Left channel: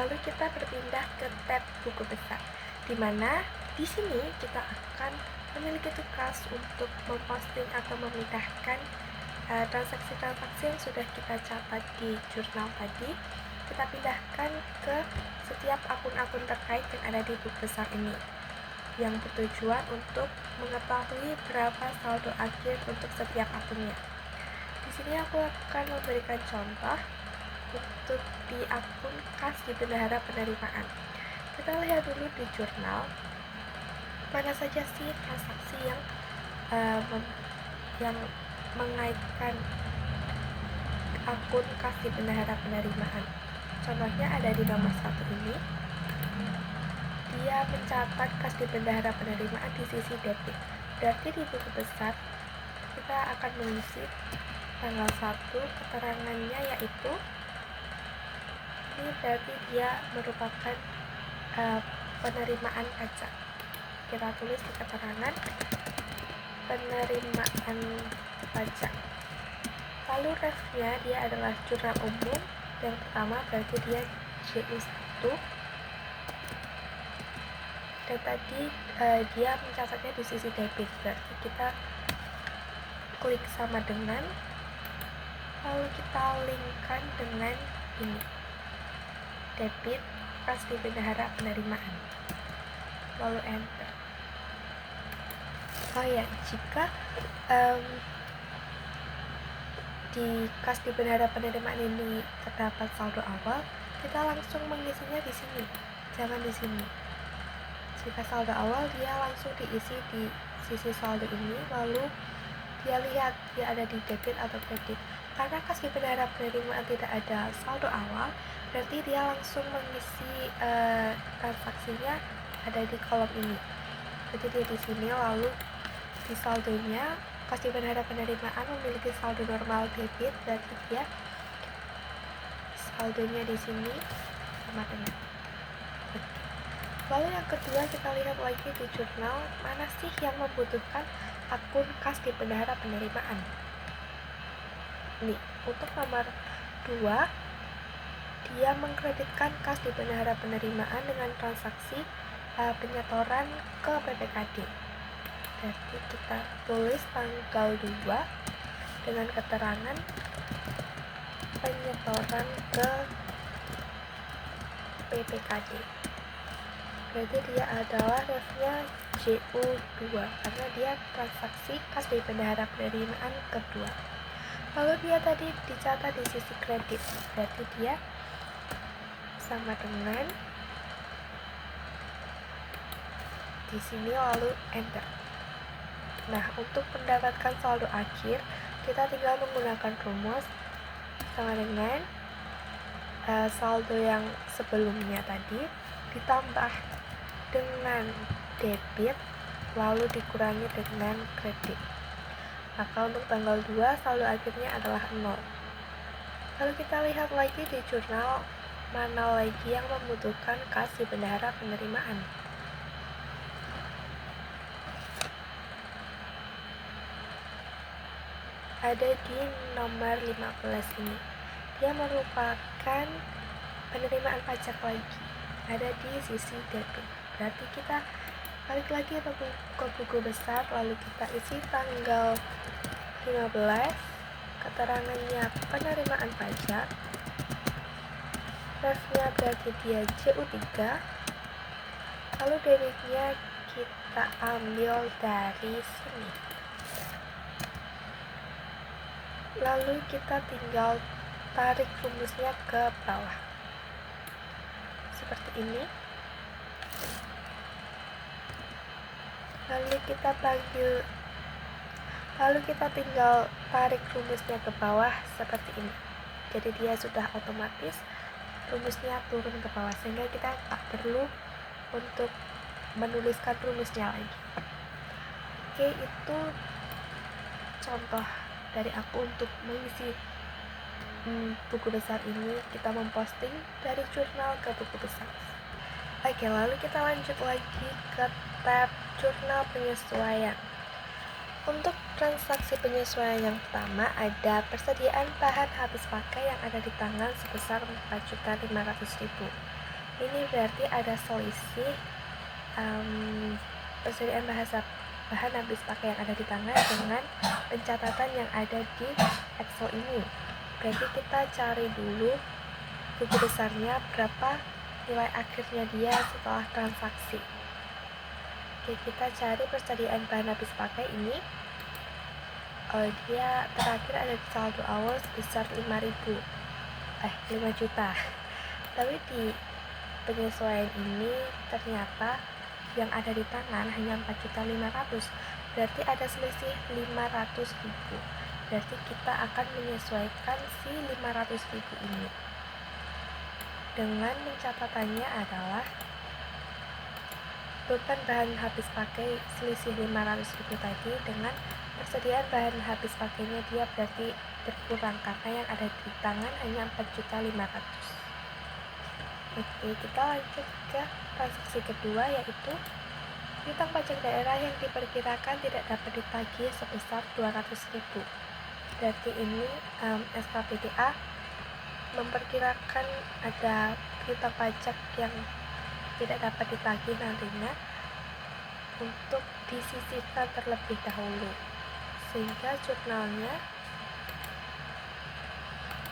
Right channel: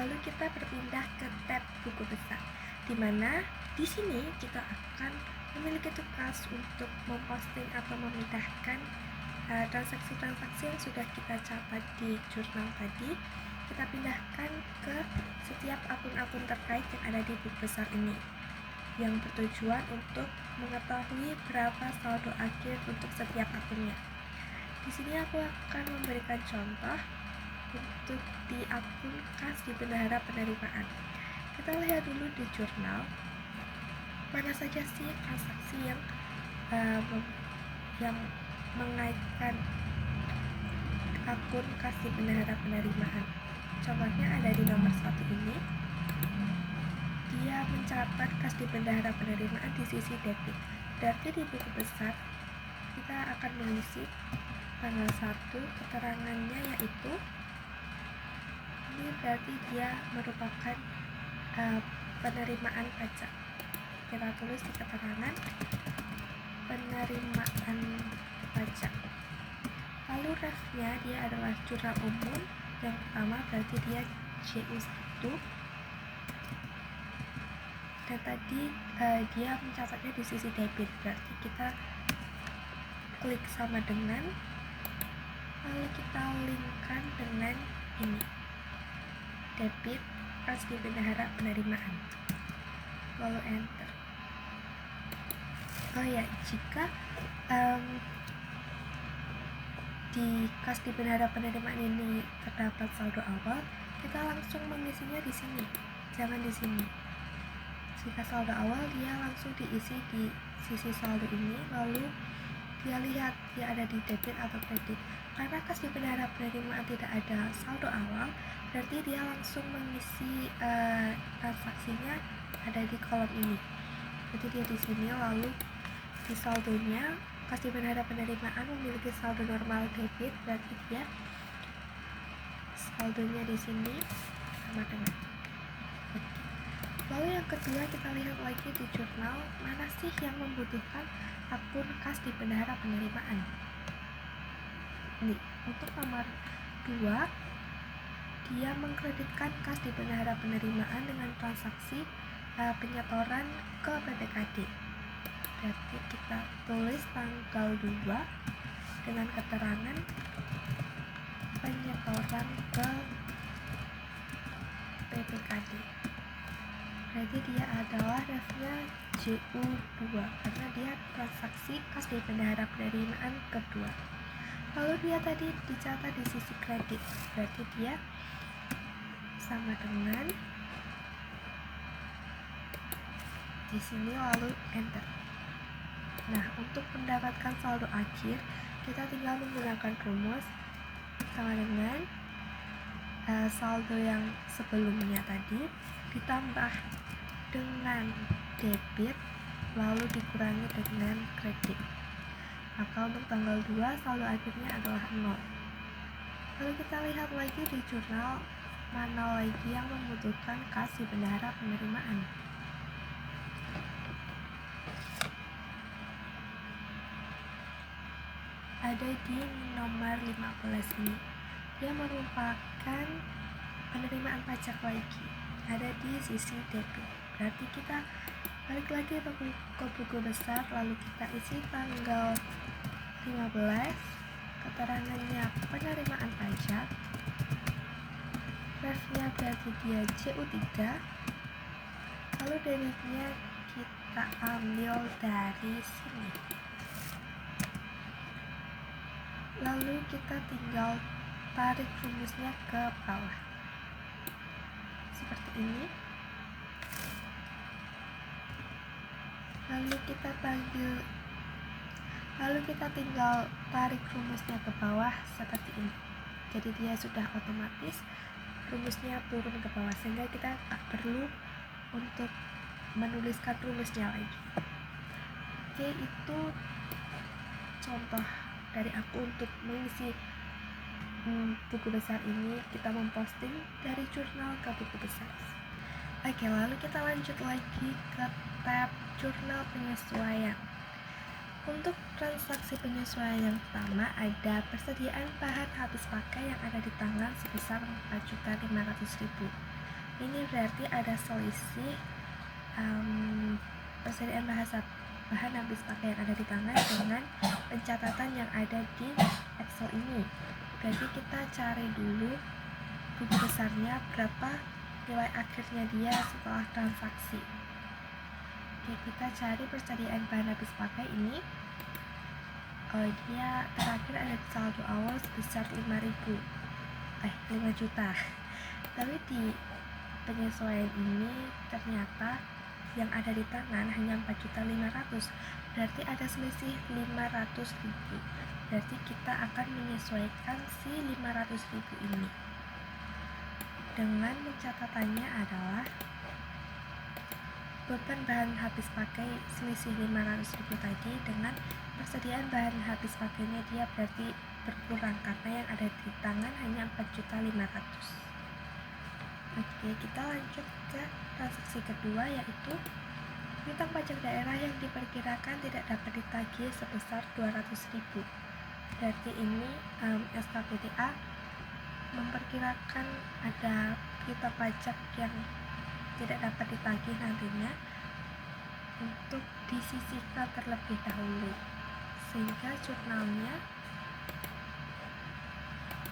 Lalu kita berpindah ke tab buku besar, di mana di sini kita akan memiliki tugas untuk memposting atau memindahkan transaksi-transaksi yang sudah kita catat di jurnal tadi. Kita pindahkan ke setiap akun-akun terkait yang ada di buku besar ini, yang bertujuan untuk mengetahui berapa saldo akhir untuk setiap akunnya. Di sini aku akan memberikan contoh untuk di akun kas di bendahara penerimaan. Kita lihat dulu di jurnal mana saja sih transaksi yang mengaitkan akun kas di bendahara penerimaan. Contohnya ada di nomor 1 ini. Dia mencatat kas di bendahara penerimaan di sisi debit. Berarti di buku besar kita akan mengisi tanggal 1, keterangannya yaitu ini berarti dia merupakan penerimaan pajak. Kita tulis di keterangan penerimaan pajak. Lalu refnya dia adalah jurnal umum. Yang pertama berarti dia JU1. Dan tadi dia mencatatnya di sisi debit, berarti kita klik sama dengan, lalu kita linkkan dengan ini, debit kas di bendahara penerimaan, lalu enter. Oh ya, jika di kas di bendahara penerimaan ini terdapat saldo awal, kita langsung mengisinya di sini, jangan di sini. Jika saldo awal, dia langsung diisi di sisi saldo ini, lalu dia lihat dia ada di debit atau kredit. Karena kas di bendahara penerimaan tidak ada saldo awal, berarti dia langsung mengisi transaksinya ada di kolom ini. Berarti dia di sini, lalu di saldonya kas di bendahara penerimaan memiliki saldo normal debit, berarti dia saldonya di sini sama dengan. Lalu yang kedua, kita lihat lagi di jurnal mana sih yang membutuhkan akun kas di bendahara penerimaan. Nih, untuk nomor 2, dia mengkreditkan kas di bendahara penerimaan dengan transaksi penyetoran ke PPKD. Berarti kita tulis tanggal 2 dengan keterangan penyetoran ke PPKD. Berarti dia adalah refnya JU2 karena dia transaksi kas di bendahara penerimaan kedua. Lalu dia tadi dicatat di sisi kredit, berarti dia sama dengan di sini, lalu enter. Nah, untuk mendapatkan saldo akhir, kita tinggal menggunakan rumus sama dengan saldo yang sebelumnya tadi ditambah dengan debit lalu dikurangi dengan kredit. Maka untuk tanggal 2 saldo akhirnya adalah 0. Lalu kita lihat lagi di jurnal mana lagi yang membutuhkan kas di bendahara penerimaan. Ada di nomor 15 ini. Dia merupakan penerimaan pajak lagi. Ada di sisi debit. Berarti kita balik lagi ke buku besar, lalu kita isi tanggal 15, keterangannya penerimaan pajak, refnya berarti dia JU3, lalu debitnya kita ambil dari sini, lalu kita tinggal tarik rumusnya ke bawah seperti ini. Lalu kita tinggal tarik rumusnya ke bawah seperti ini. Jadi dia sudah otomatis rumusnya turun ke bawah, sehingga kita tak perlu untuk menuliskan rumusnya lagi. Oke, itu contoh dari aku untuk mengisi buku besar ini. Kita memposting dari jurnal ke buku besar. Oke, lalu kita lanjut lagi ke tab jurnal penyesuaian. Untuk transaksi penyesuaian yang pertama ada persediaan bahan habis pakai yang ada di tangan sebesar 4.500.000. Ini berarti ada selisih persediaan bahan habis pakai yang ada di tangan dengan pencatatan yang ada di Excel ini. Berarti kita cari dulu buku besarnya berapa nilai akhirnya dia setelah transaksi. Oke, kita cari persediaan bahan habis pakai ini. Dia terakhir ada di saldo awal sebesar 5 juta. Tapi di penyesuaian ini ternyata yang ada di tangan hanya 4.500.000, berarti ada selisih 500.000. Berarti kita akan menyesuaikan si 500.000 ini dengan pencatatannya adalah beban bahan habis pakai selisih 500.000 tadi dengan persediaan bahan habis pakainya dia berarti berkurang karena yang ada di tangan hanya 4.500.000. Oke, kita lanjut ke transaksi kedua, yaitu piutang pajak daerah yang diperkirakan tidak dapat ditagih sebesar 200.000. Berarti ini SKPDA memperkirakan ada piutang pajak yang tidak dapat ditagih nantinya untuk disisihkan terlebih dahulu, sehingga jurnalnya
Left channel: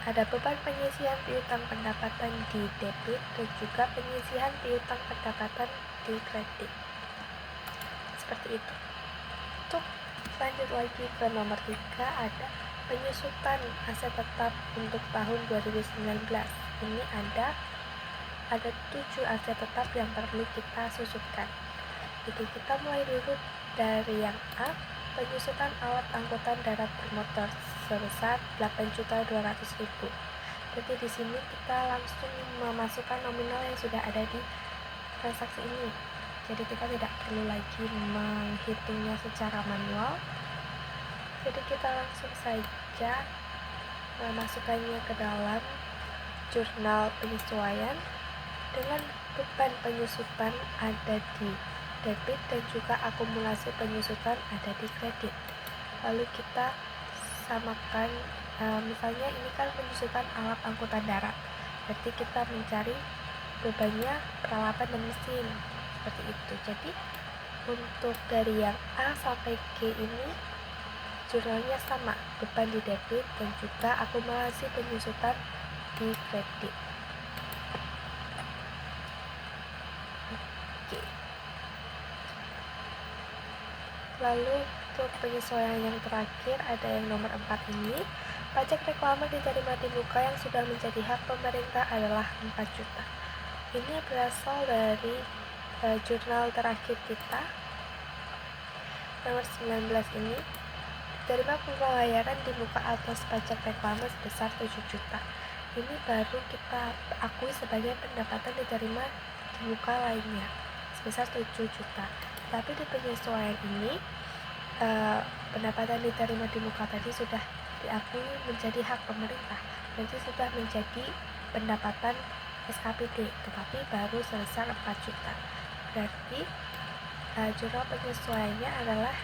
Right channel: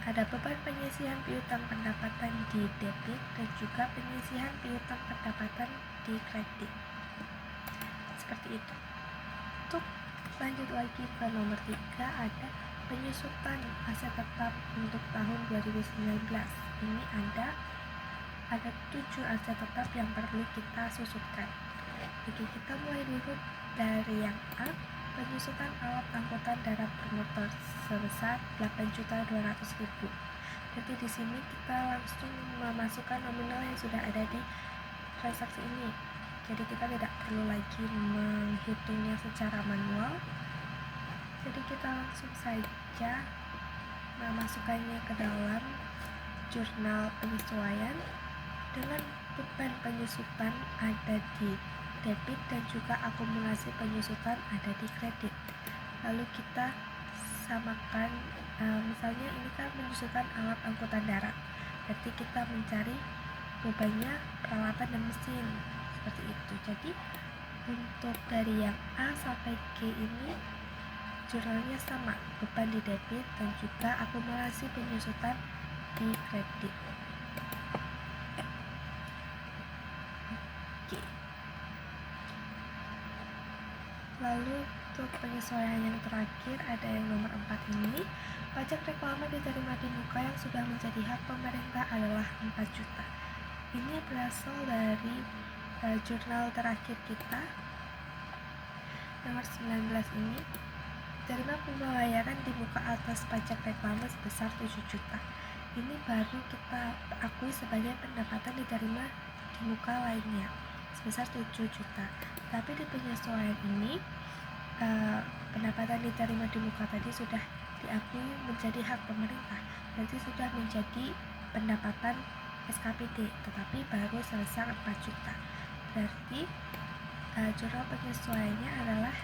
ada beban penyisihan piutang pendapatan di debit dan juga penyisihan piutang pendapatan di kredit. Seperti itu. Untuk lanjut lagi ke nomor 3, ada penyusutan aset tetap untuk tahun 2019. Ini ada 7 aset tetap yang perlu kita susutkan. Jadi kita mulai dulu dari yang A, penyusutan alat angkutan darat bermotor sebesar 8.200.000. Jadi di sini kita langsung memasukkan nominal yang sudah ada di transaksi ini. Jadi kita tidak perlu lagi menghitungnya secara manual. Jadi kita langsung saja memasukkannya ke dalam jurnal penyesuaian dengan beban penyusutan ada di debit dan juga akumulasi penyusutan ada di kredit. Lalu kita samakan, misalnya ini kan penyusutan alat angkutan darat, berarti kita mencari bebannya peralatan dan mesin, seperti itu. Jadi untuk dari yang A sampai G ini jurnalnya sama, beban di debit dan juga akumulasi penyusutan di kredit. Oke. Lalu untuk penyesuaian yang terakhir ada yang nomor 4 ini, pajak reklame diterima di muka yang sudah menjadi hak pemerintah adalah 4 juta. Ini berasal dari jurnal terakhir kita nomor 19 ini, diterima pembayaran di muka atas pajak reklame sebesar 7 juta. Ini baru kita akui sebagai pendapatan diterima di muka lainnya sebesar 7 juta. Tapi di penyesuaian ini pendapatan diterima di muka tadi sudah diakui menjadi hak pemerintah, berarti sudah menjadi pendapatan SKPD, tetapi baru sebesar 4 juta. Berarti jurnal penyesuaiannya adalah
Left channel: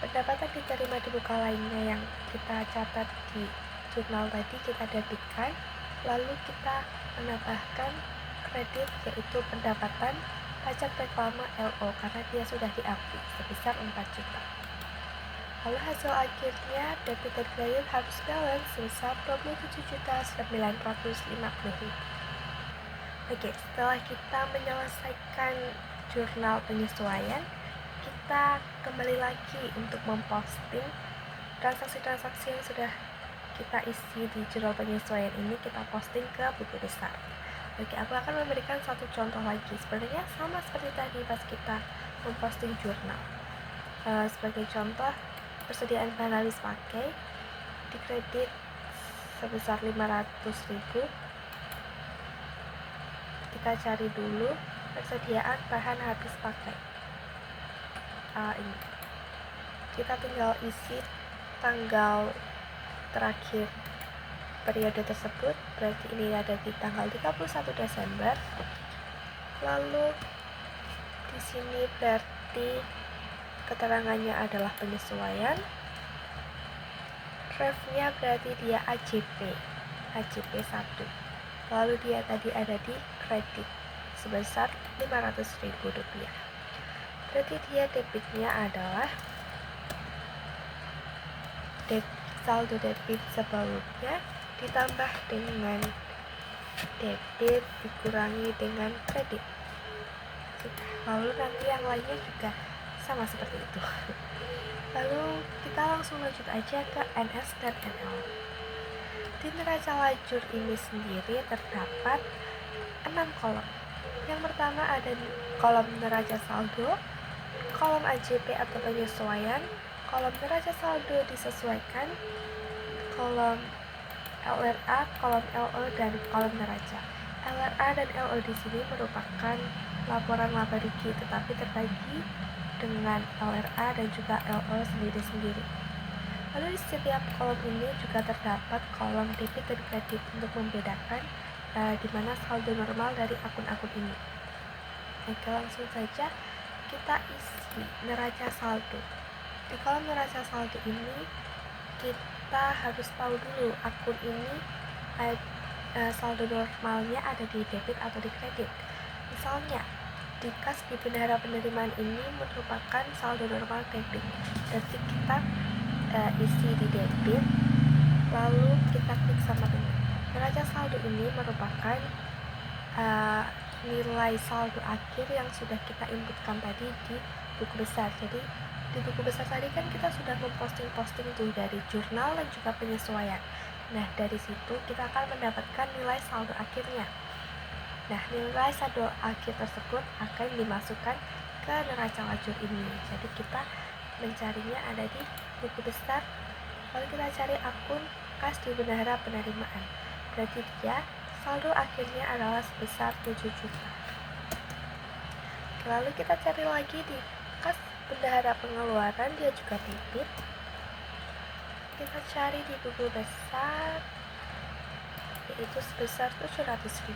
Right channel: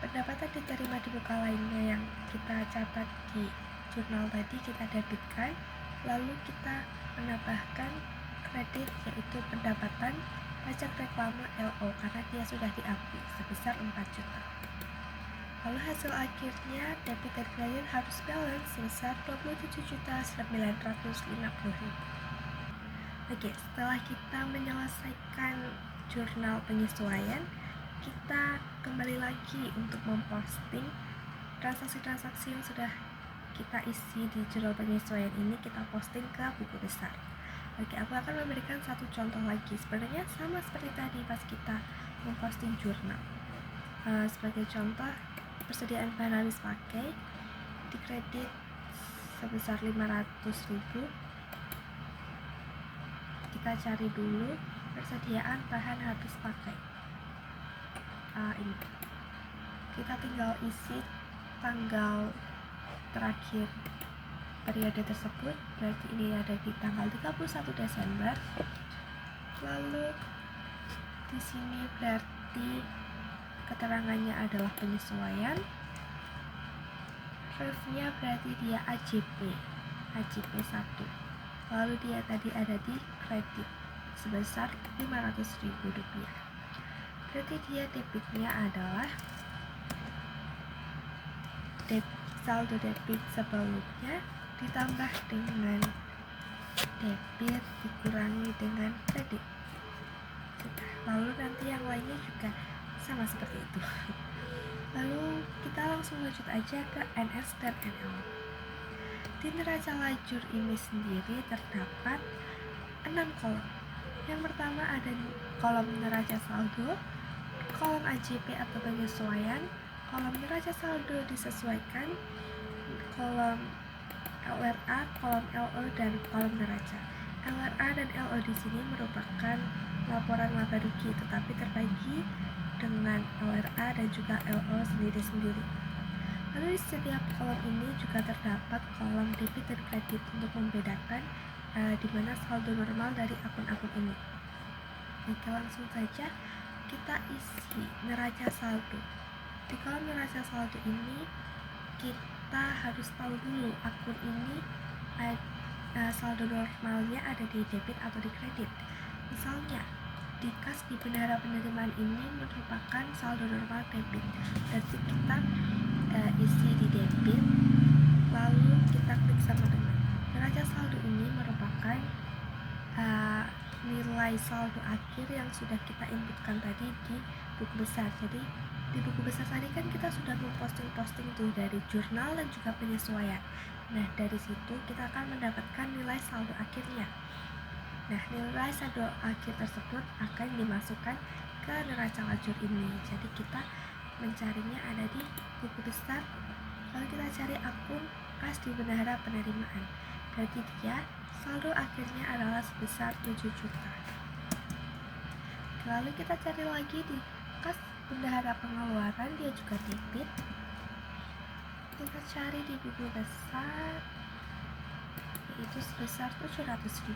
pendapatan diterima di muka lainnya yang kita catat di jurnal tadi kita debitkan, lalu kita menambahkan kredit yaitu pendapatan pajak reklame LO karena dia sudah diakui sebesar 4 juta. Lalu hasil akhirnya debit dan kredit harus balance sebesar 27.950.000. Oke, setelah kita menyelesaikan jurnal penyesuaian, kita kembali lagi untuk memposting transaksi-transaksi yang sudah kita isi di jurnal penyesuaian ini, kita posting ke buku besar. Oke, aku akan memberikan satu contoh lagi. Sebenarnya sama seperti tadi pas kita memposting jurnal. Sebagai contoh, persediaan bahan habis pakai di kredit sebesar 500.000. Kita cari dulu persediaan bahan habis pakai. Ini. Kita tinggal isi tanggal terakhir periode tersebut, berarti ini ada di tanggal 31 Desember. Lalu di sini berarti keterangannya adalah penyesuaian. Refnya berarti dia AJP 1. lalu dia tadi ada di kredit sebesar Rp500.000. Berarti dia debitnya adalah saldo debit sebelumnya ditambah dengan debit dikurangi dengan kredit. Lalu nanti yang lainnya juga sama seperti itu. Lalu kita langsung lanjut aja ke NS dan NL. Di neraca lajur ini sendiri terdapat 6 kolom. Yang pertama ada kolom neraca saldo, kolom AJP atau penyesuaian, kolom neraca saldo disesuaikan, kolom LRA, kolom LO, dan kolom neraca. LRA dan LO di sini merupakan laporan laba rugi, tetapi terbagi dengan LRA dan juga LO sendiri-sendiri. Lalu di setiap kolom ini juga terdapat kolom debit dan kredit untuk membedakan di mana saldo normal dari akun-akun ini. Oke, langsung saja kita isi neraca saldo. Di kolom neraca saldo ini kita harus tahu dulu akun ini saldo normalnya ada di debit atau di kredit. Misalnya di kas di bendahara penerimaan ini merupakan saldo normal debit, berarti kita isi di debit, lalu kita klik sama dengan neraca saldo ini merupakan nilai saldo akhir yang sudah kita inputkan tadi di buku besar. Jadi di buku besar tadi kan kita sudah memposting tuh dari jurnal dan juga penyesuaian. Nah, dari situ kita akan mendapatkan nilai saldo akhirnya. Nah, nilai saldo akhir tersebut akan dimasukkan ke neraca lajur ini. Jadi kita mencarinya ada di buku besar, lalu kita cari akun kas di bendahara penerimaan. Berarti dia saldo akhirnya adalah sebesar 7 juta. Lalu kita cari lagi di kas bendahara pengeluaran, dia juga debit. Kita cari di buku besar, yaitu sebesar 700.000.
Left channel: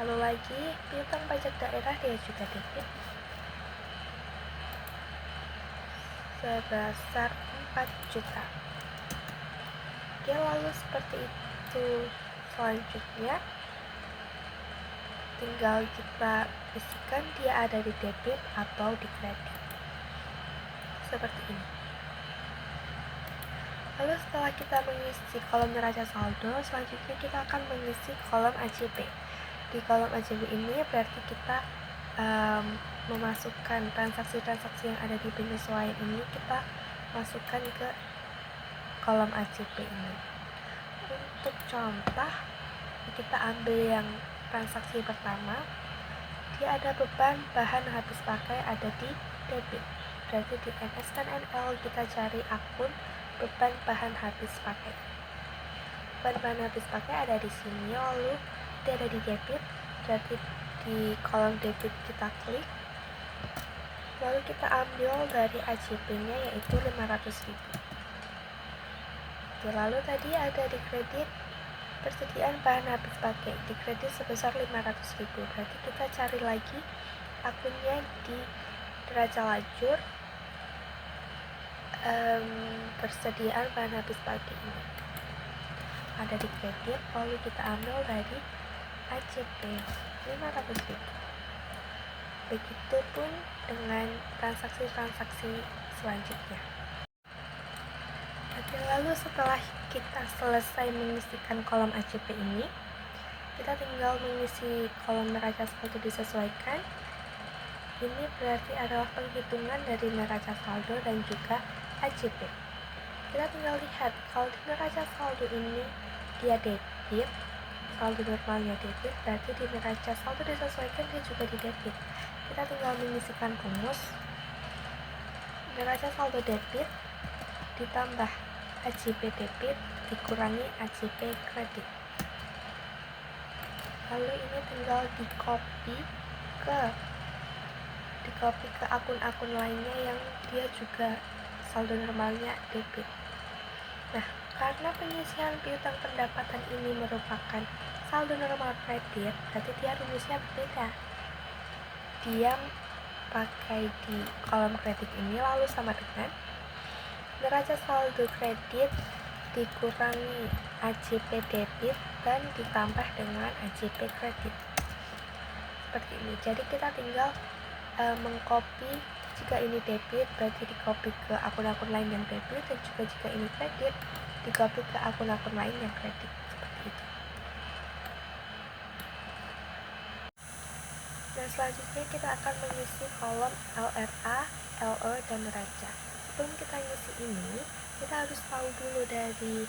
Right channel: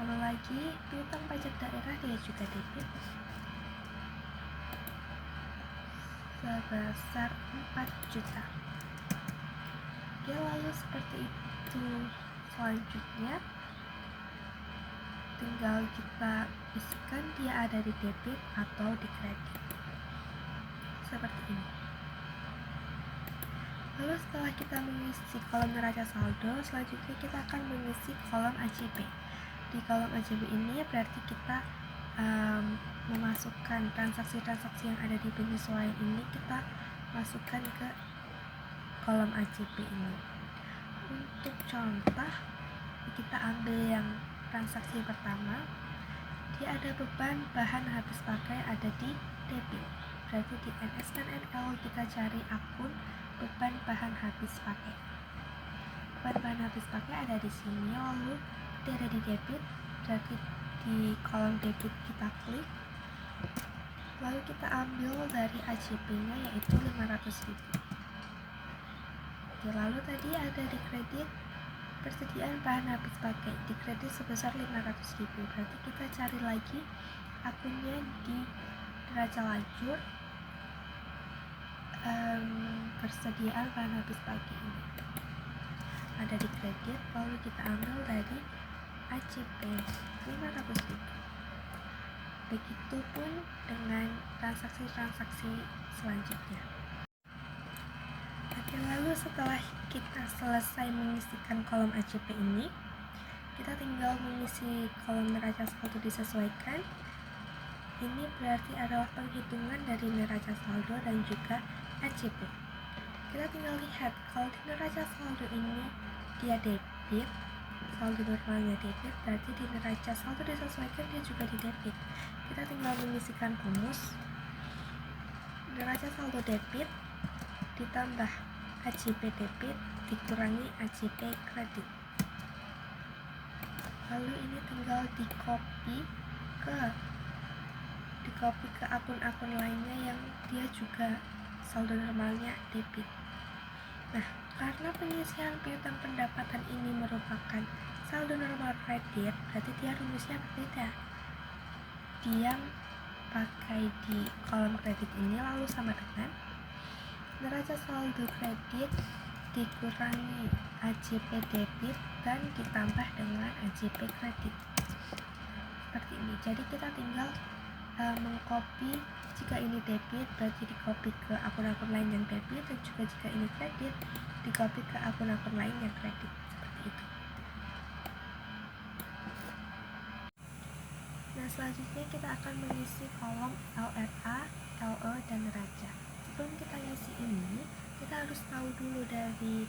Lalu lagi piutang pajak daerah, dia juga debit sebesar 4 juta. Oke, lalu seperti itu. Selanjutnya tinggal kita isikan dia ada di debit atau di kredit seperti ini. Lalu setelah kita mengisi kolom neraca saldo, selanjutnya kita akan mengisi kolom AJP. Di kolom AJP ini berarti kita memasukkan transaksi-transaksi yang ada di penyesuaian ini, kita masukkan ke kolom AJP ini. Untuk contoh, kita ambil yang transaksi pertama, dia ada beban bahan habis pakai ada di debit. Berarti di NS dan NL kita cari akun beban bahan habis pakai. Beban bahan habis pakai ada di sini, lalu dia ada di debit. Berarti di kolom debit kita klik, lalu kita ambil dari AJP-nya yaitu 500.000. Oke, lalu tadi ada di kredit persediaan bahan habis pakai di kredit sebesar 500.000. Berarti kita cari lagi akunnya di neraca lajur persediaan bahan habis pakai ini ada di kredit, lalu kita ambil dari AJP 500.000. Begitupun dengan transaksi-transaksi selanjutnya. Oke, lalu setelah kita selesai mengisikan kolom AJP ini, kita tinggal mengisi kolom neraca saldo disesuaikan. Ini berarti adalah penghitungan dari neraca saldo dan juga AJP. Kita tinggal lihat kalau di neraca saldo ini dia debit, saldo normalnya debit, berarti di neraca saldo disesuaikan dia juga di debit. Kita tinggal mengisikan rumus neraca saldo debit ditambah AJP debit dikurangi AJP kredit. Lalu ini tinggal dikopi ke akun-akun lainnya yang dia juga saldo normalnya debit. Nah, karena pengisian piutang pendapatan ini merupakan saldo normal kredit, berarti dia rumusnya berbeda. Dia pakai di kolom kredit ini lalu sama dengan neraca saldo kredit dikurangi AJP debit dan ditambah dengan AJP kredit seperti ini. Jadi kita tinggal mengcopy. Jika ini debit berarti di copy ke akun-akun lain yang debit, dan juga jika ini kredit di copy ke akun-akun lain yang kredit, seperti itu. Nah, selanjutnya kita akan mengisi kolom LRA, LE, dan neraca. Sebelum kita ngisi ini, kita harus tahu dulu dari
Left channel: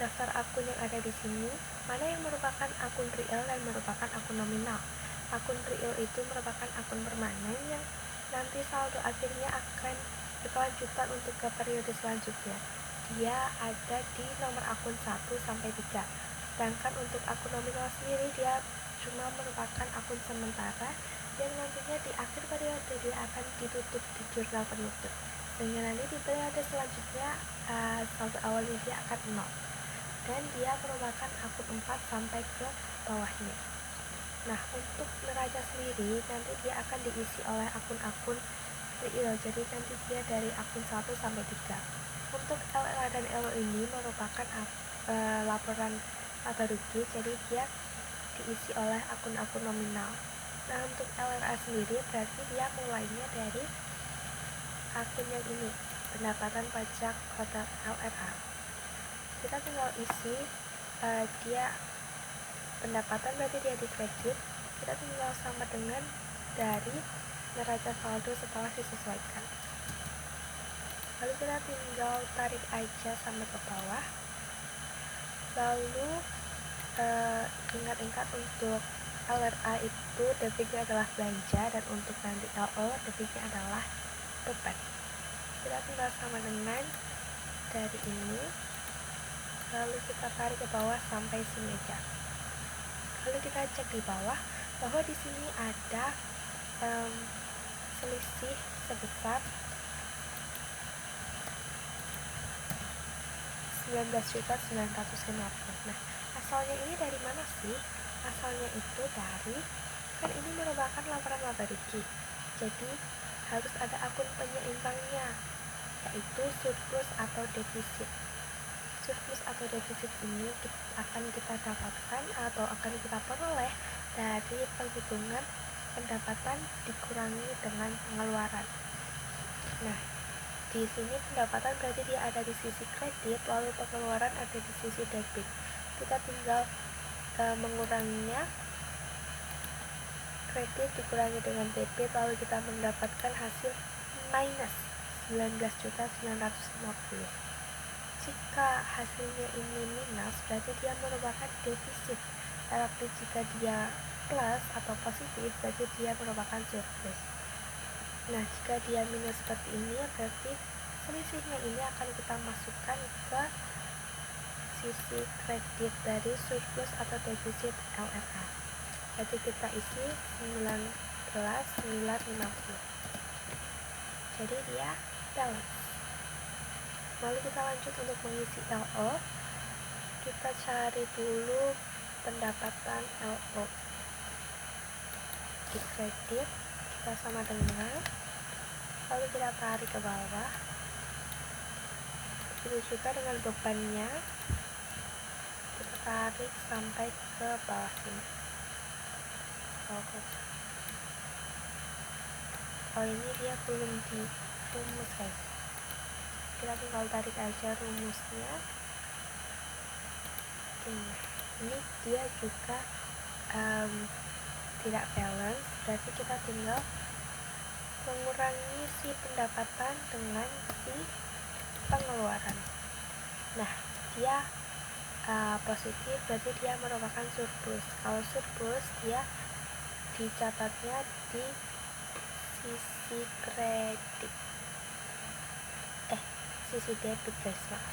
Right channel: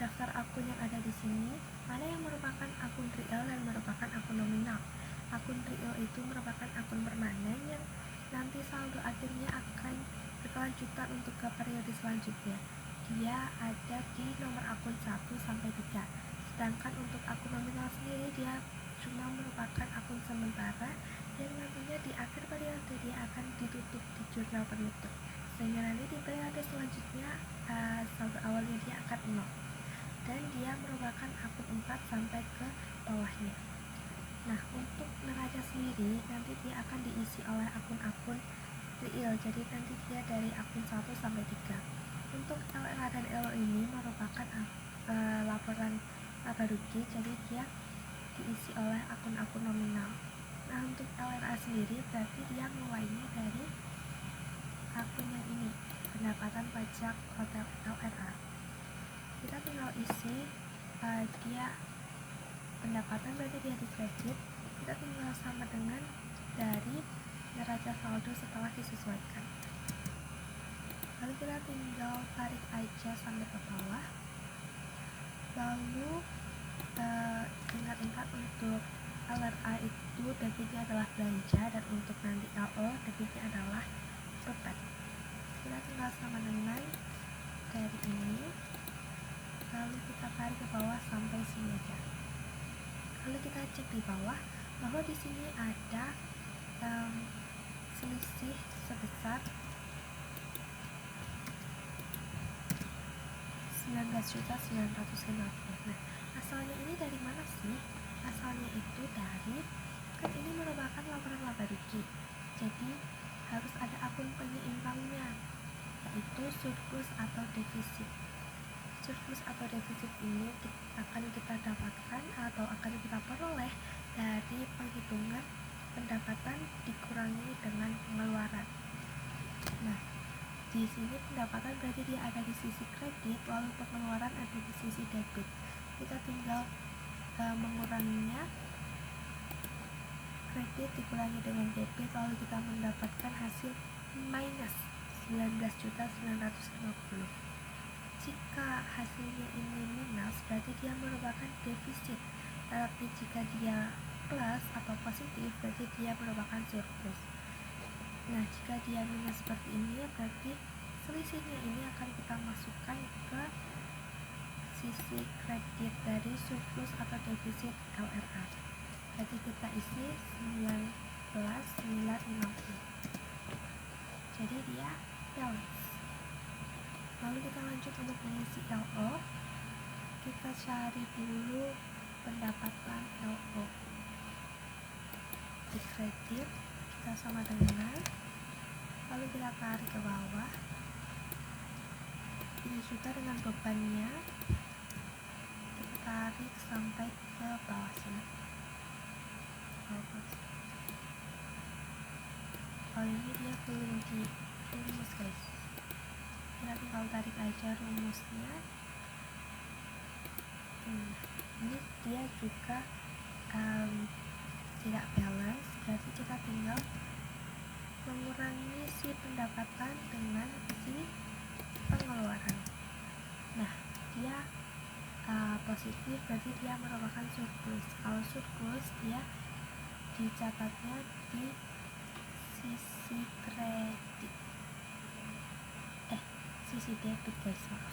daftar akun yang ada di sini mana yang merupakan akun real dan merupakan akun nominal. Akun real itu merupakan akun permanen yang nanti saldo akhirnya akan berkelanjutan untuk ke periode selanjutnya. Dia ada di nomor akun 1 sampai 3. Sedangkan untuk akun nominal sendiri dia cuma merupakan akun sementara yang nantinya di akhir periode dia akan ditutup di jurnal penutup. Sehingga nanti di periode selanjutnya saldo awalnya dia akan 0. Dan dia merupakan akun 4 sampai ke bawahnya. Nah, untuk neraca sendiri nanti dia akan diisi oleh akun-akun real. Jadi nanti dia dari akun 1 sampai 3. Untuk LRA dan LO ini merupakan laporan laba rugi, jadi dia diisi oleh akun-akun nominal. Nah, untuk LRA sendiri berarti dia mulainya dari akun yang ini, pendapatan pajak hotel LRA. Kita tinggal isi dia pendapatan berarti dia di kredit, kita tinggal sama dengan dari neraca saldo setelah disesuaikan. Lalu kita tinggal tarik aja sampai ke bawah. Lalu ingat-ingat untuk LRA itu debitnya adalah belanja, dan untuk nanti LO debitnya adalah beban. Kita tinggal sama dengan dari ini, lalu kita tarik ke bawah sampai sini aja. Lalu kita cek di bawah bahwa di sini ada selisih sebesar 19.950. Nah, asalnya ini dari mana sih? Asalnya itu dari, kan ini merupakan laporan laba rugi, jadi harus ada akun penyeimbangnya, yaitu surplus atau defisit. Surplus atau defisit ini akan kita dapatkan atau akan kita peroleh dari penghitungan pendapatan dikurangi dengan pengeluaran. Nah, di sini pendapatan berarti dia ada di sisi kredit, lalu pengeluaran ada di sisi debit. Kita tinggal menguranginya, kredit dikurangi dengan debit, lalu kita mendapatkan hasil minus 19.950. Jika hasilnya ini minus berarti dia merupakan defisit, tapi jika dia plus atau positif berarti dia merupakan surplus. Nah, jika dia minus seperti ini berarti selisihnya ini akan kita masukkan ke sisi kredit dari surplus atau defisit LRA. Jadi kita isi 19.950. Jadi dia balance. Lalu kita lanjut untuk mengisi LO. Kita cari dulu pendapatan LO. Di kredit kita sama dengan, lalu kita tarik ke bawah. Begitu juga dengan bebannya, kita tarik sampai ke bawah sini. Oh, ini dia belum di rumus, guys. Kita tinggal tarik aja rumusnya. Ini dia juga tidak balance, berarti kita tinggal mengurangi si pendapatan dengan si pengeluaran. Nah, dia positif berarti dia merupakan surplus. Kalau surplus dia dicatatnya di sisi kredit, sisi debit, guys, maaf.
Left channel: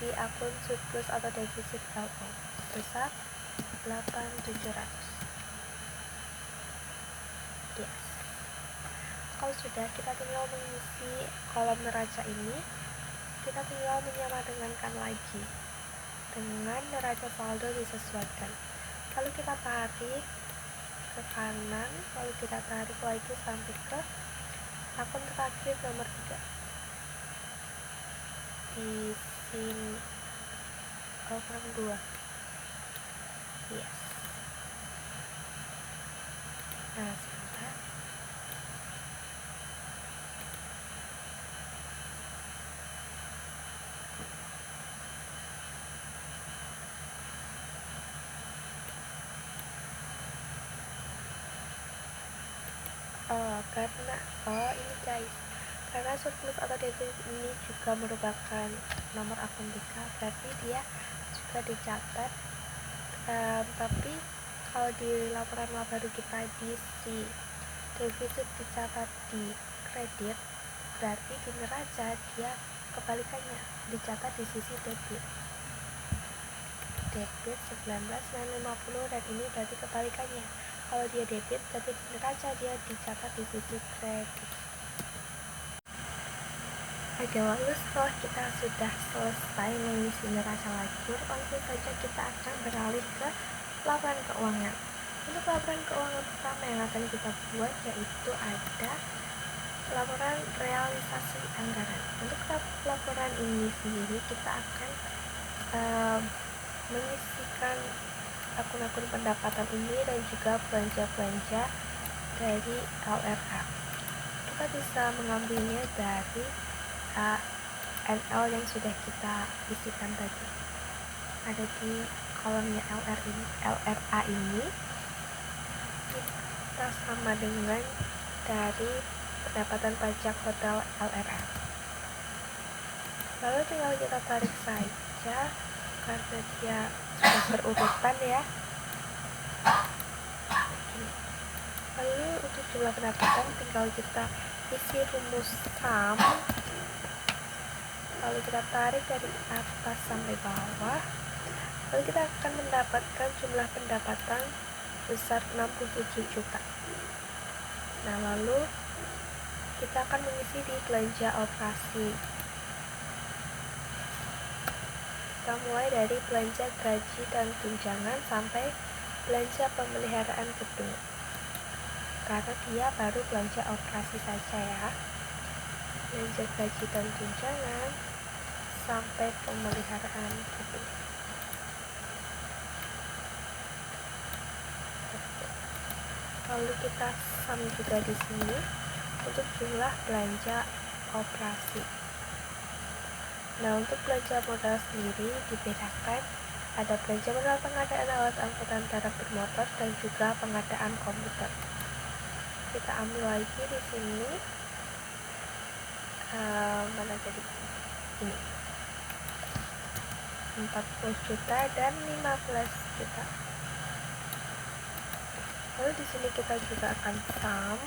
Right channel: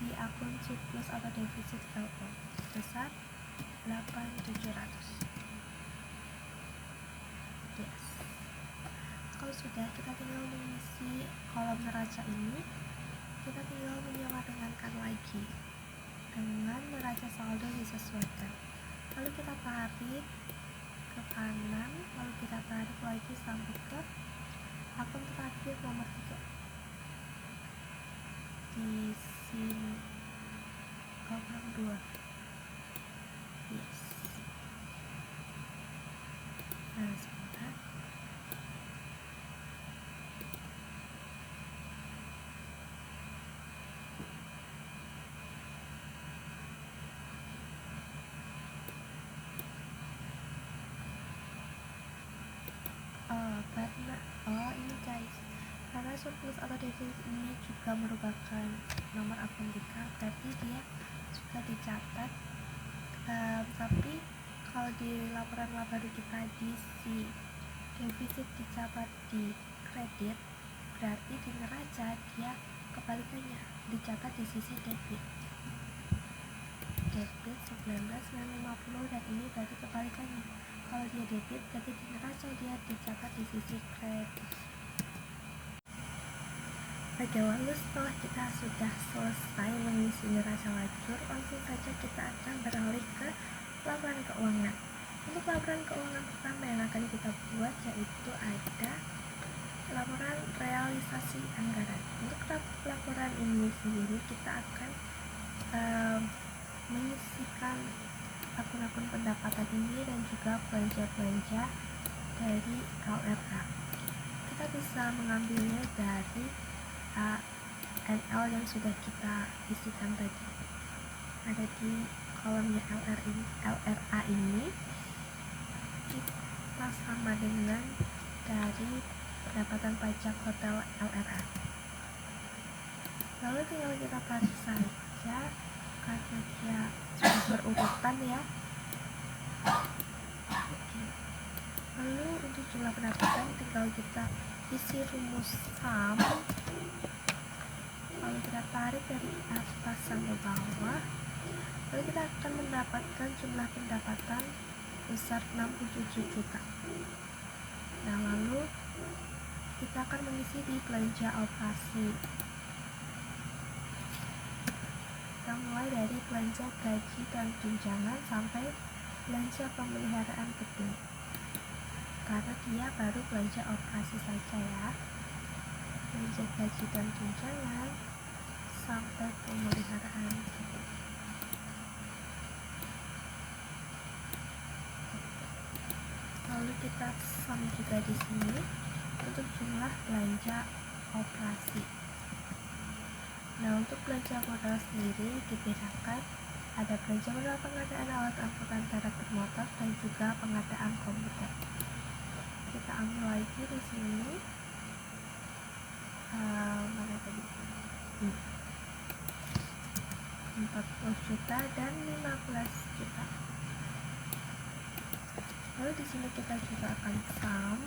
Di akun surplus atau defisit LO sebesar 8.700. Yes. Kalau sudah, kita tinggal mengisi kolom neraca ini. Kita tinggal menyamadengankan lagi dengan neraca saldo disesuaikan. Lalu kita tarik ke kanan, lalu kita tarik lagi sampai ke akun terakhir nomor 3. Di sini. Oh, kurang 2. Yes. Nah, sebentar. Ini guys, karena surplus atau defisit ini juga merupakan nomor akun BK, berarti dia juga dicatat. Tapi kalau di laporan laba baru kita diisi defisit dicatat di kredit, berarti di neraca dia kebalikannya, dicatat di sisi debit 19,50, dan ini berarti kebalikannya. Kalau dia debit, berarti di neraca dia dicatat di sisi kredit. Oke, lalu setelah kita sudah selesai mengisi neraca lajur, langsung saja kita akan beralih ke laporan keuangan. Untuk laporan keuangan pertama yang akan kita buat yaitu ada laporan realisasi anggaran. Untuk laporan ini sendiri kita akan mengisikan akun-akun pendapatan ini dan juga belanja-belanja dari LRA. Kita bisa mengambilnya dari NL yang sudah kita isikan tadi. Ada di kolomnya LRA ini kita sama dengan dari pendapatan pajak hotel LRA. Lalu tinggal kita tarik saja karena dia sudah berurutan ya. Lalu untuk jumlah pendapatan tinggal kita isi rumus sum, lalu kita tarik dari atas sampai bawah, lalu kita akan mendapatkan jumlah pendapatan besar 67 juta. Nah, lalu kita akan mengisi di belanja operasi. Kita mulai dari belanja gaji dan tunjangan sampai belanja pemeliharaan gedung, karena dia baru belanja operasi saja ya. Belanja gaji dan tunjangan sampai pemeliharaan gedung. Lalu kita sum juga di sini untuk jumlah belanja operasi. Nah, untuk belanja modal sendiri dibedakan, ada belanja modal pengadaan alat angkutan darat bermotor dan juga pengadaan komputer. Kita ambil lagi di sini, mana tadi? Ini 40 juta dan 15 juta. Lalu di sini kita juga akan sum,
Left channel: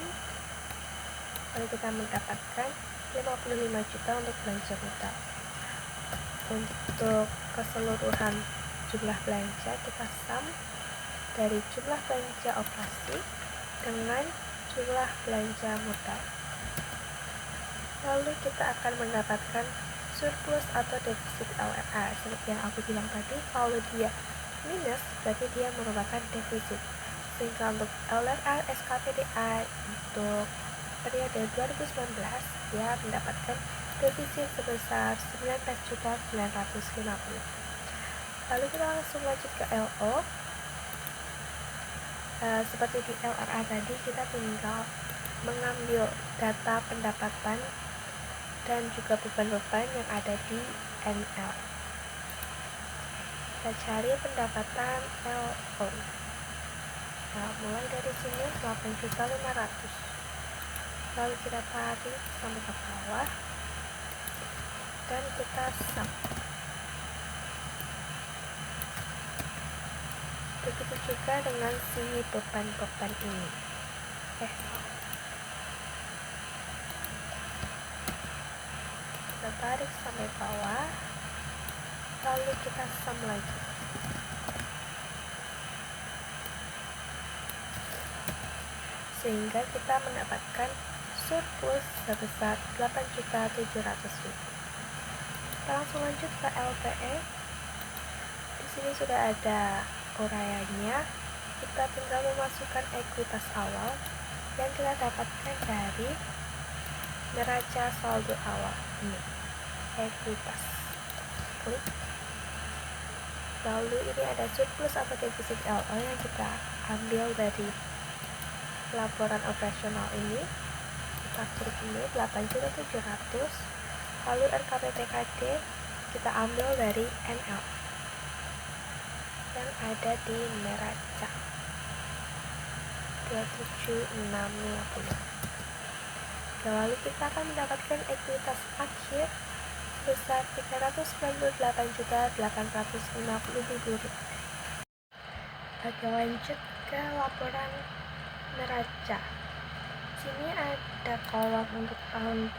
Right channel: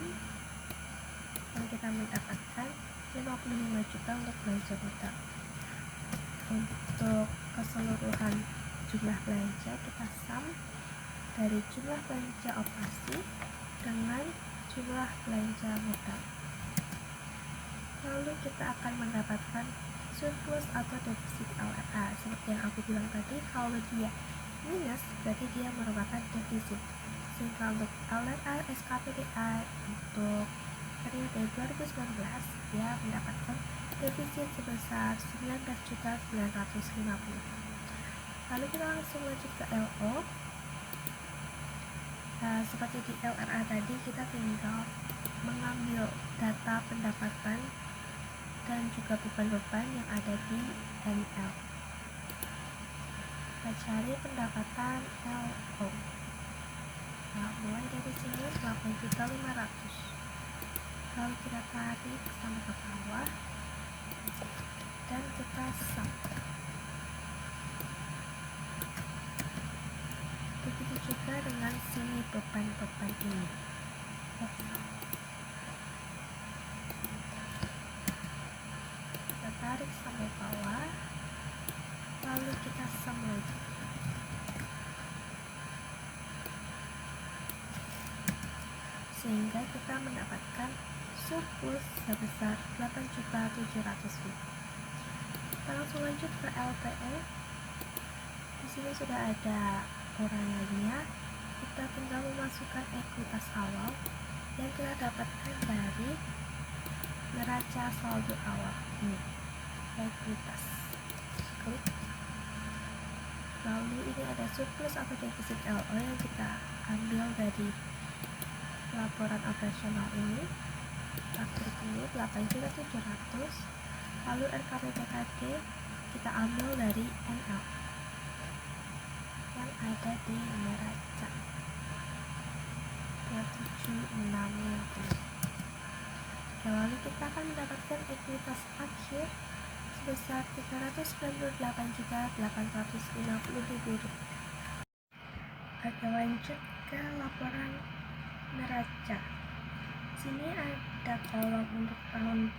lalu kita mendapatkan 55 juta untuk belanja modal. Untuk keseluruhan jumlah belanja kita sum dari jumlah belanja operasi dengan jumlah belanja modal. Lalu kita akan mendapatkan surplus atau defisit LRA. Seperti yang aku bilang tadi, kalau dia minus berarti dia merupakan defisit. Sehingga untuk LRA SKPDA untuk periode 2019 dia mendapatkan defisit sebesar 19.950. Lalu kita langsung lanjut ke LO. Seperti di LRA tadi, kita tinggal mengambil data pendapatan dan juga beban-beban yang ada di NL. Kita cari pendapatan LO. Nah, mulai dari sini 8.500.000. Lalu kita tarik sampai ke bawah dan kita sum. Begitu juga dengan si beban-beban ini. Kita tarik sampai bawah, lalu kita sum lagi. Sehingga kita mendapatkan surplus sebesar 8.700.000. Kita langsung lanjut ke LPE. Di sini sudah ada uraiannya. Kita tinggal memasukkan ekuitas awal yang kita dapatkan dari neraca saldo awal ini, ekuitas. klik. Lalu ini ada surplus atau defisit LO yang kita ambil dari laporan operasional ini. Kita klik ini 8.700.000. Lalu RKPBKD kita ambil dari NL yang ada di neraca 27650. Lalu kita akan mendapatkan ekuitas akhir sebesar Rp398.850.000. Oke, lanjut ke laporan neraca. Sini ada kolom untuk tahun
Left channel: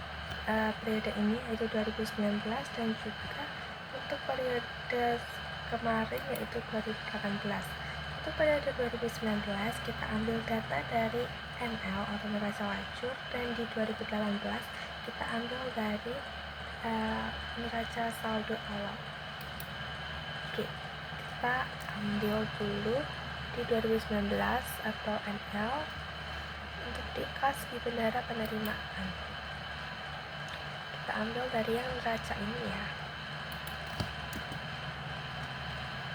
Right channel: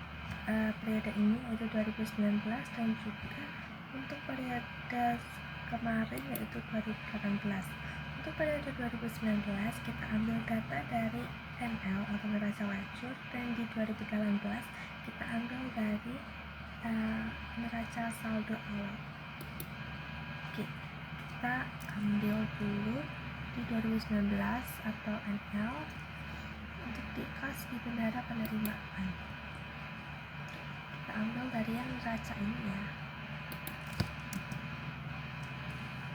periode ini yaitu 2019 dan juga untuk periode kemarin yaitu 2018. Untuk periode 2019 kita ambil data dari NL atau neraca lajur, dan di 2018 kita ambil dari neraca saldo awal. Oke, kita ambil dulu di 2019 atau NL untuk di kas di bendara penerimaan. Kita ambil dari yang neraca ini ya.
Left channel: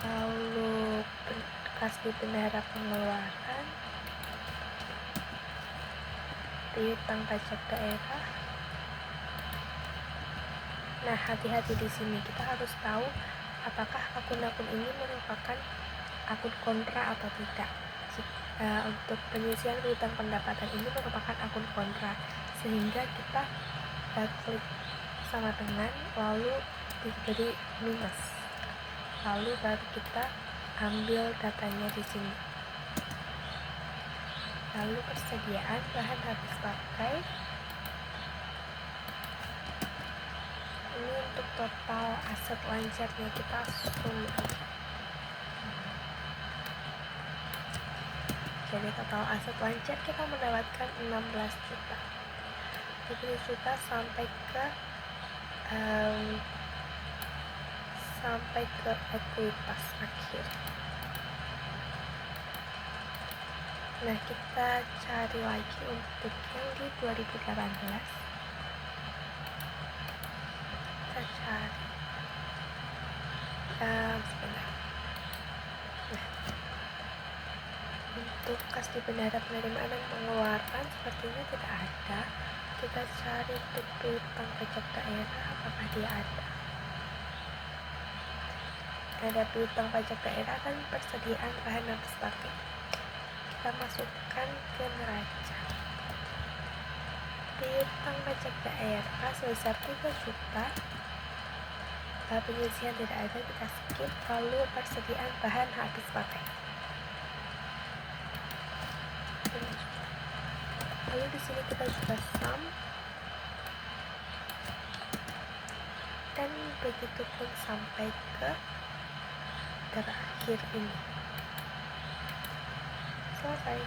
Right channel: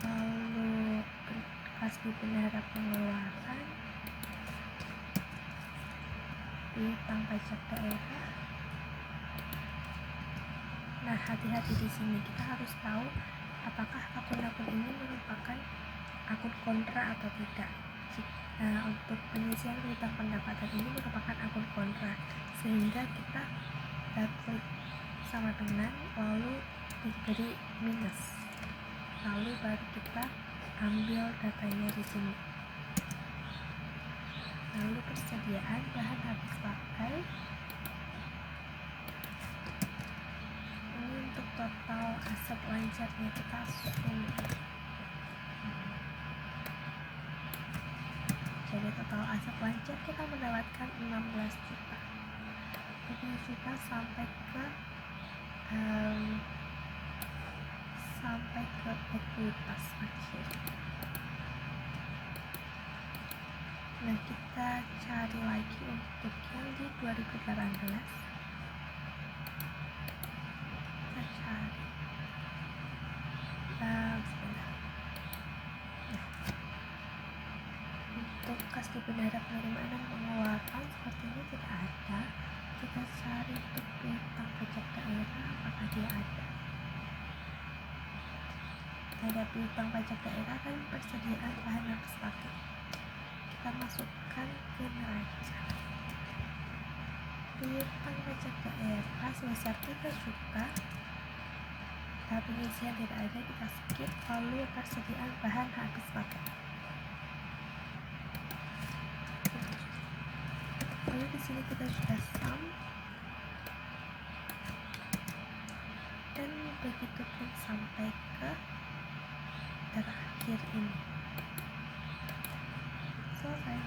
Lalu kas di bendara pengeluaran, piutang pajak daerah. Nah, hati-hati di sini. Kita harus tahu apakah akun-akun ini merupakan akun kontra atau tidak. Untuk pengisian piutang pendapatan ini merupakan akun kontra, sehingga kita klik sama dengan lalu diberi minus. Lalu baru kita ambil datanya di sini. Lalu persediaan bahan habis pakai. Ini untuk total aset lancarnya, kita zoom. Jadi total aset lancar kita mendapatkan 16 juta. 7 juta sampai ke ekuitas akhir. Nah, kita cari lagi untuk yang di 2018. Kita cari sebentar. Nah, untuk kas di bendara penerimaan dan pengeluaran sepertinya tidak ada. Kita cari untuk piutang pajak daerah, apakah dia ada? Ada piutang pajak daerah dan persediaan bahan habis pakai. Kita masukkan ke neraca. Piutang pajak daerah sebesar 3 juta. Pengisian tidak ada, kita skip. Lalu persediaan bahan habis pakai. Lalu di sini kita juga sum, dan begitu pun sampai ke terakhir ini. Selesai.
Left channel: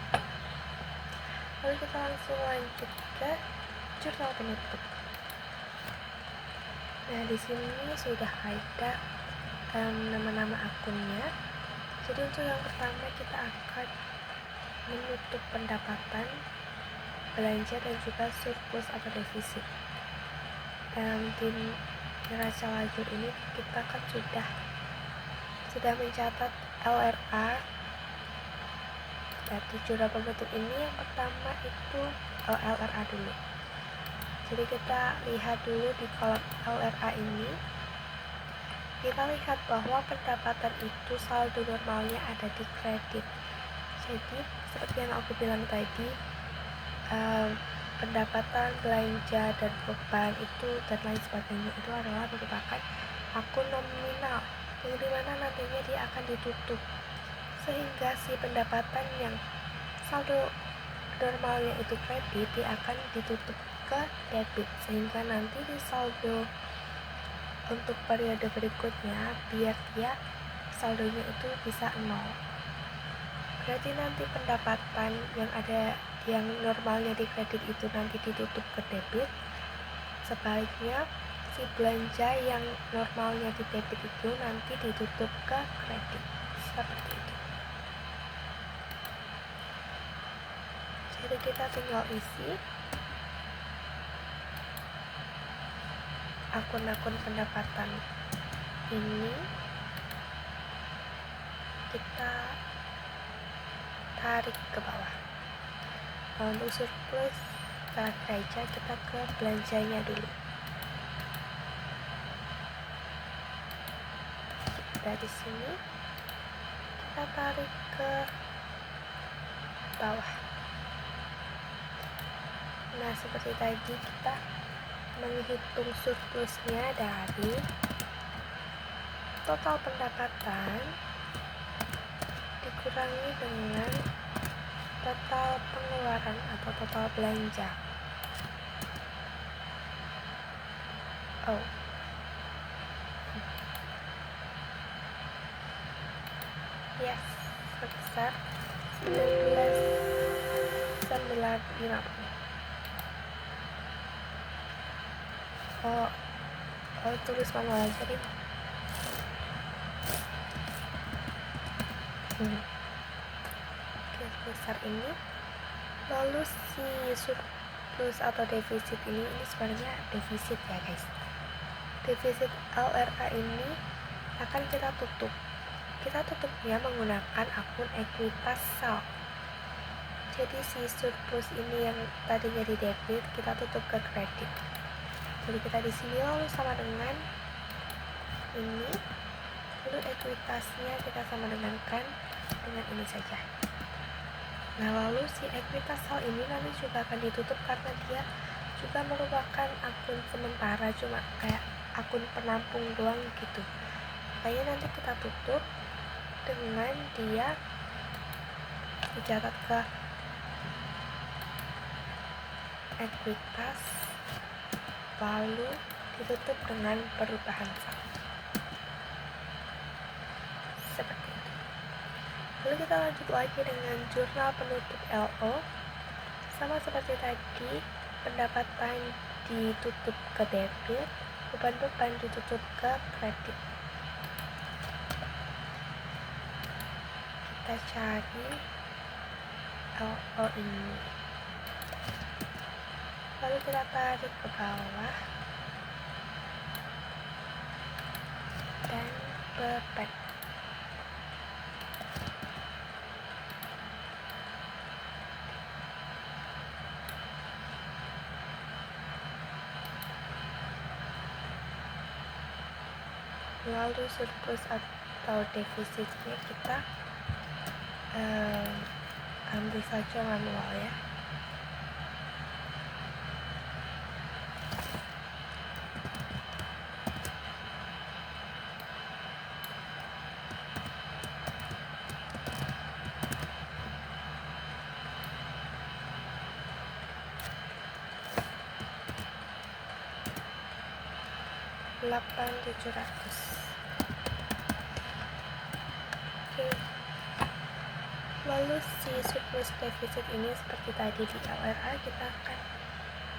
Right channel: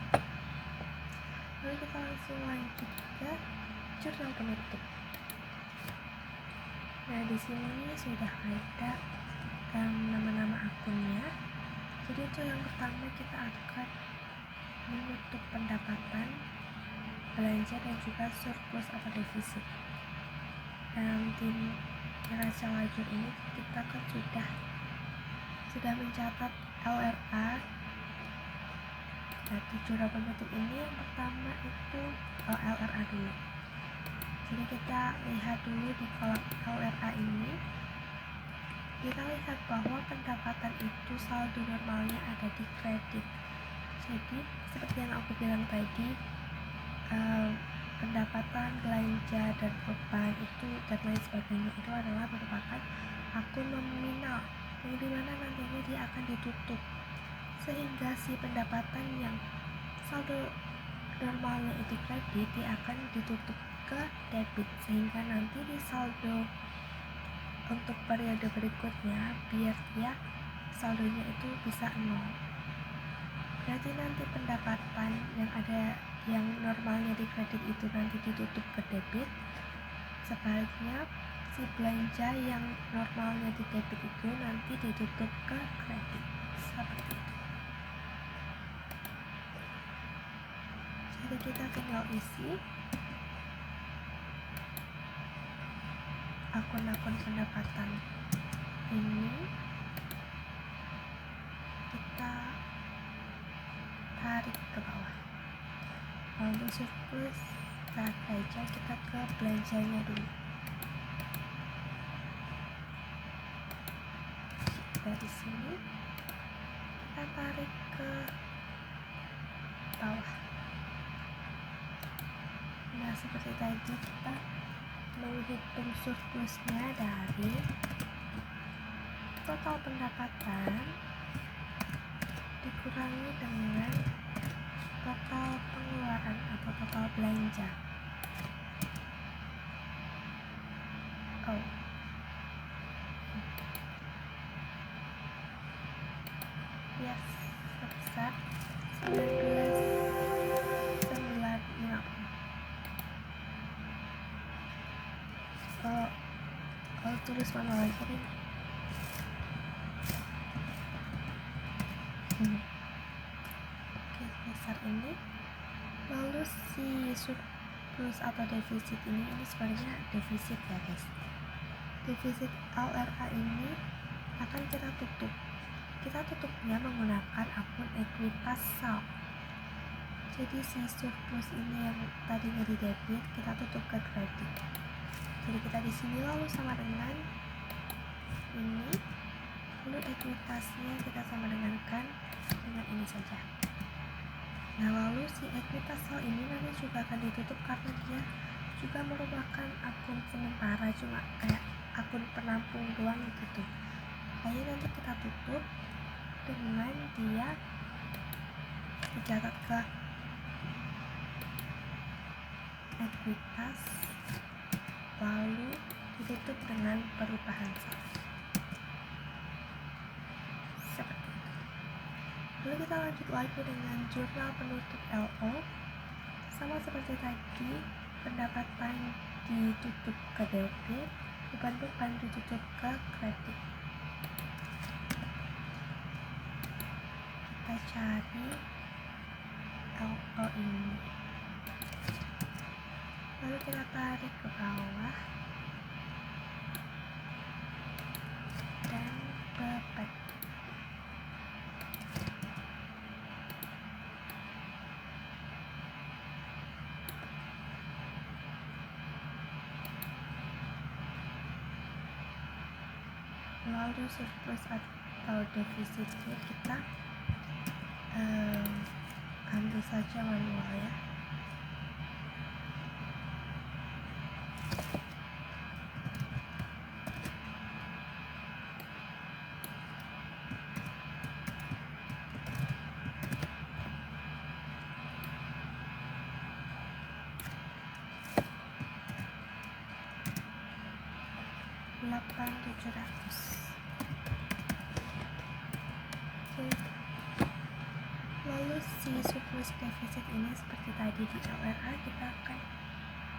Lalu kita langsung lanjut ke jurnal penutup. Nah, di sini sudah ada nama-nama akunnya. Jadi untuk yang pertama kita akan menutup pendapatan, belanja, dan juga surplus atau defisit. Di neraca lajur ini kita kan sudah mencatat LRA. Nah, di jurnal penutup ini yang pertama itu LRA dulu. Jadi kita lihat dulu di kolom LRA ini. Kita lihat bahwa pendapatan itu saldo normalnya ada di kredit. Jadi seperti yang aku bilang tadi, pendapatan, belanja, dan beban itu dan lain sebagainya itu adalah merupakan akun nominal yang dimana nantinya dia akan ditutup, sehingga si pendapatan yang saldo normalnya itu kredit dia akan ditutup ke debit, sehingga nanti di saldo untuk periode berikutnya biar dia saldonya itu bisa 0. Berarti nanti pendapatan yang ada yang normalnya di kredit itu nanti ditutup ke debit. Sebaliknya si belanja yang normalnya di debit itu nanti ditutup ke kredit. Seperti itu. Jadi kita tinggal isi akun-akun pendapatan ini kita tarik ke bawah. Untuk surplus aja kita ke belanjanya dulu. Dari sini kita tarik ke bawah. Nah, seperti tadi kita menghitung surplusnya dari total pendapatan dikurangi dengan total pengeluaran atau total belanja. Yes, sebesar 19.950. Tulis manual aja deh. Oke, sebesar ini. Lalu si surplus atau defisit ini sebenarnya defisit ya guys. Defisit LRA ini akan kita tutup. Kita tutupnya menggunakan akun ekuitas sal. Jadi si surplus ini yang tadinya di debit kita tutup ke kredit. Jadi kita di sini lalu sama dengan ini, lalu ekuitasnya kita sama dengankan dengan ini saja. Nah, lalu si ekuitas sal ini nanti juga akan ditutup karena dia juga merupakan akun sementara, cuma kayak akun penampung doang gitu. Makanya nanti kita tutup dengan dia dicatat ke ekuitas lalu ditutup dengan perubahan sal seperti itu. Lalu kita lanjut lagi dengan jurnal penutup LO. Sama seperti tadi, pendapatan ditutup ke debit, beban-beban ditutup ke kredit. Kita cari LO ini, lalu kita tarik ke bawah dan beban. Lalu surplus atau defisitnya kita ambil saja manual ya. $8.700. Oke. Lalu si surplus defisit ini seperti tadi di LRA kita akan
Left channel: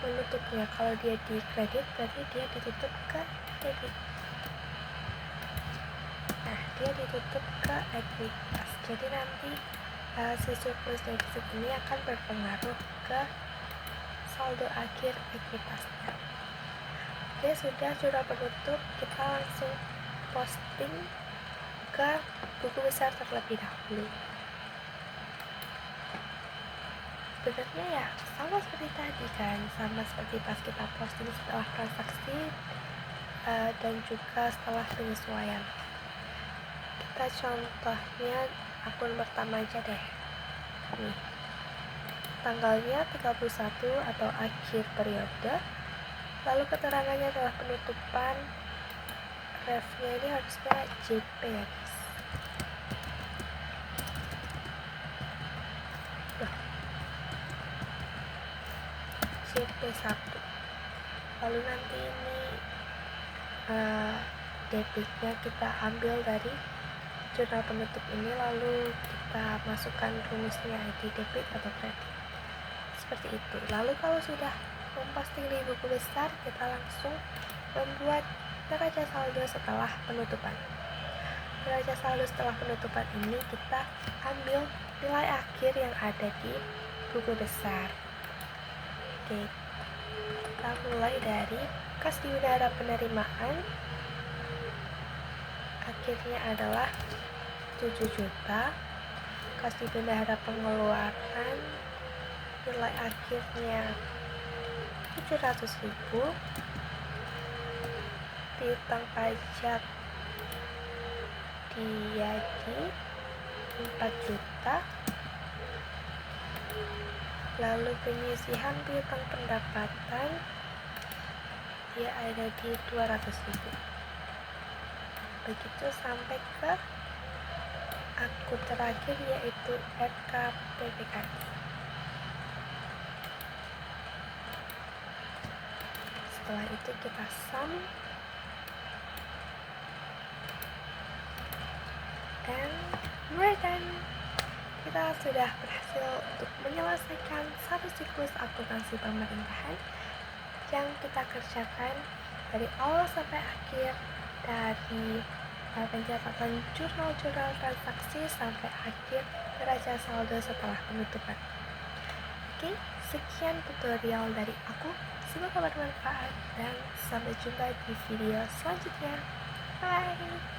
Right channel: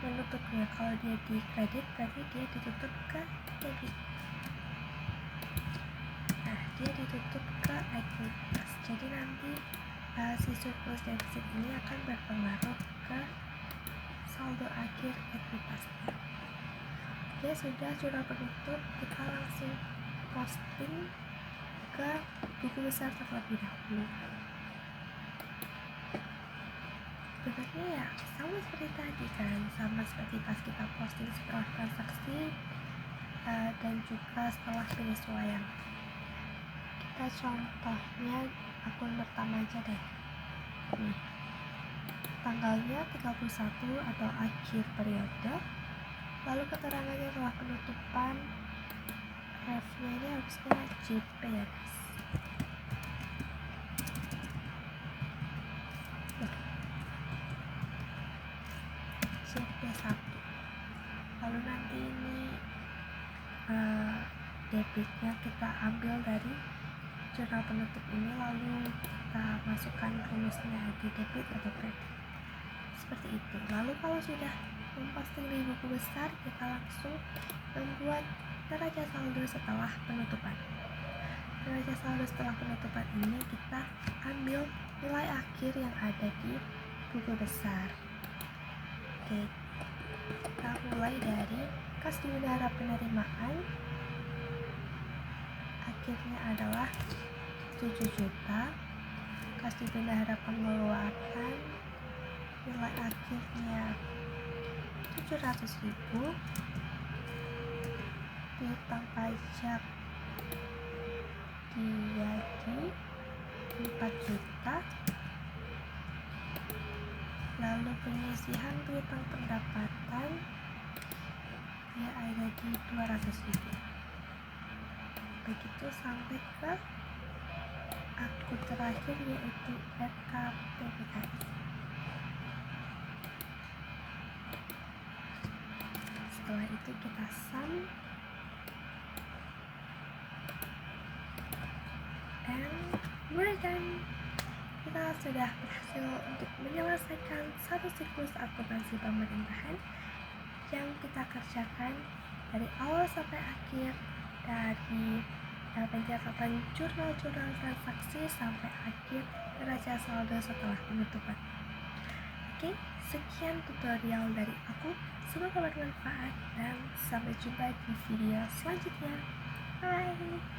menutupnya. Kalau dia di kredit berarti dia ditutup ke debit. Nah, dia ditutup ke ekuitas. Jadi nanti si surplus defisit ini akan berpengaruh ke saldo akhir ekuitasnya. Oke, sudah jurnal penutup, kita langsung posting ke buku besar terlebih dahulu. Sebenarnya ya sama seperti tadi kan, sama seperti pas kita posting setelah transaksi dan juga setelah penyesuaian. Kita contohnya akun pertama aja deh. Nih, tanggalnya 31 atau akhir periode, lalu keterangannya adalah penutupan. Refnya ini harusnya JP ya guys. JP1. Lalu nanti ini debitnya kita ambil dari jurnal penutup ini, lalu kita masukkan rumusnya ID debit atau kredit seperti itu. Lalu kalau sudah memposting di buku besar, kita langsung membuat neraca saldo setelah penutupan. Neraca saldo setelah penutupan ini kita ambil nilai akhir yang ada di buku besar. Oke, kita mulai dari kas di bendahara penerimaan. akhirnya adalah 7 juta. Kas di bendahara pengeluaran nilai akhirnya 700.000. Piutang pajak Diagi 4 juta. Lalu penyisihan piutang pendapatan dia ada di 200.000. Begitu sampai ke akun terakhir yaitu RKPPKI. Setelah itu kita sum and we're done. Kita sudah berhasil untuk menyelesaikan satu siklus akuntansi pemerintahan yang kita kerjakan dari awal sampai akhir, dari pencatatan jurnal-jurnal transaksi sampai akhir neraca saldo setelah penutupan. Oke, sekian tutorial dari aku. Semoga bermanfaat dan sampai jumpa di video selanjutnya. Bye!